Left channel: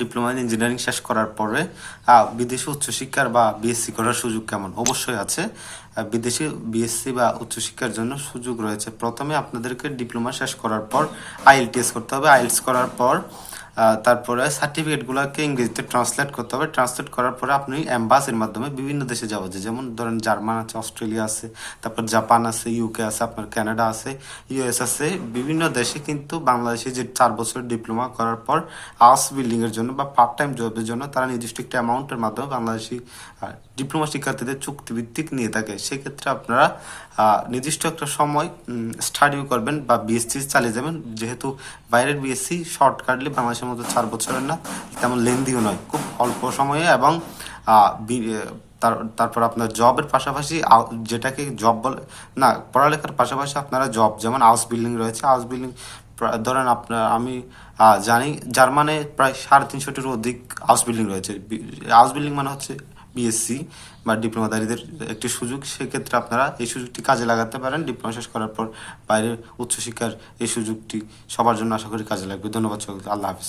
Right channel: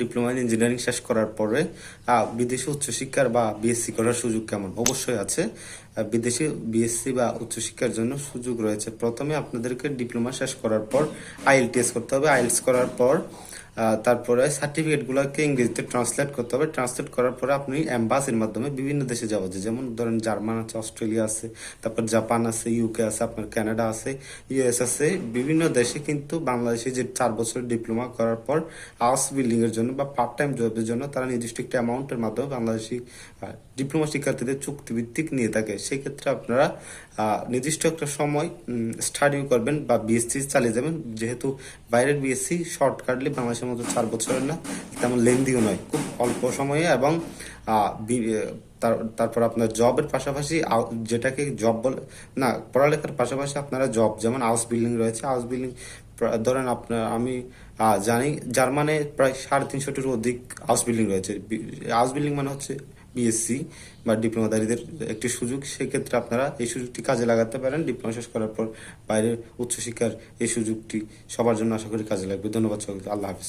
Diploma in engineering শেষ করার পরে বিদেশে উচ্চশিক্ষার বা বিএসসি করার সুযোগ কেমন? অবশ্যই আছে। বিদেশে বিএসসি বা উচ্চশিক্ষার জন্য সুযোগ রয়েছে। প্রথমে আপনাদেরকে ডিপ্লোমা শেষ করার পর আইএলটিএস করতে হবে। আইএলটিএস করার পর তারপরে সার্টিফিকেট গুলাকে ইংরেজিতে ট্রান্সলেট করতে হবে। ট্রান্সলেট করার পরে আপনি এম্বাসির মাধ্যমে বিভিন্ন দেশে যাওয়া যায়। যেমন ধরেন জার্মান আছে, অস্ট্রেলিয়া আছে, তারপর জাপান আছে, ইউকে আছে, আপনার কানাডা আছে, ইউএস আছে। বিভিন্ন দেশে কিন্তু বাংলাদেশে যে 4 বছরের ডিপ্লোমা করার পর হাউস বিল্ডিং এর জন্য বা পার্ট টাইম জবের জন্য তারা নির্দিষ্ট একটা অ্যামাউন্টের মাধ্যমে বাংলাদেশি ডিপ্লোমা শিক্ষার্থীদের চুক্তিভিত্তিক নিয়ে থাকে। সেক্ষেত্রে আপনারা নির্দিষ্ট একটা সময় স্টাডিও করবেন বা বিএসসি চালিয়ে যাবেন। যেহেতু বাইরের বিএসসি শর্টকাটলি বাংলাদেশের মতো 4 বছরের না, তেমন লেন্দিও নয়, খুব অল্প সময়ে এবং তারপর আপনার জবের পাশাপাশি যেটাকে জব বলে না, পড়ালেখার পাশাপাশি আপনারা জব, যেমন হাউস বিল্ডিং রয়েছে। হাউস বিল্ডিং ধরেন আপনার আমি জানি জার্মানে প্রায় 350-টির অধিক হাউস বিল্ডিং রয়েছে। হাউস বিল্ডিং মানে হচ্ছে বিএসসি বা ডিপ্লোমাধারীদের একটি সুযোগ। সেক্ষেত্রে আপনারা এই সুযোগটি কাজে লাগাতে পারেন। ডিপ্লোমা শেষ করার পর বাইরের উচ্চশিক্ষার এই সুযোগটি সবার জন্য আশা করি কাজে লাগবে। ধন্যবাদ সকলকে। আল্লাহ হাফিজ।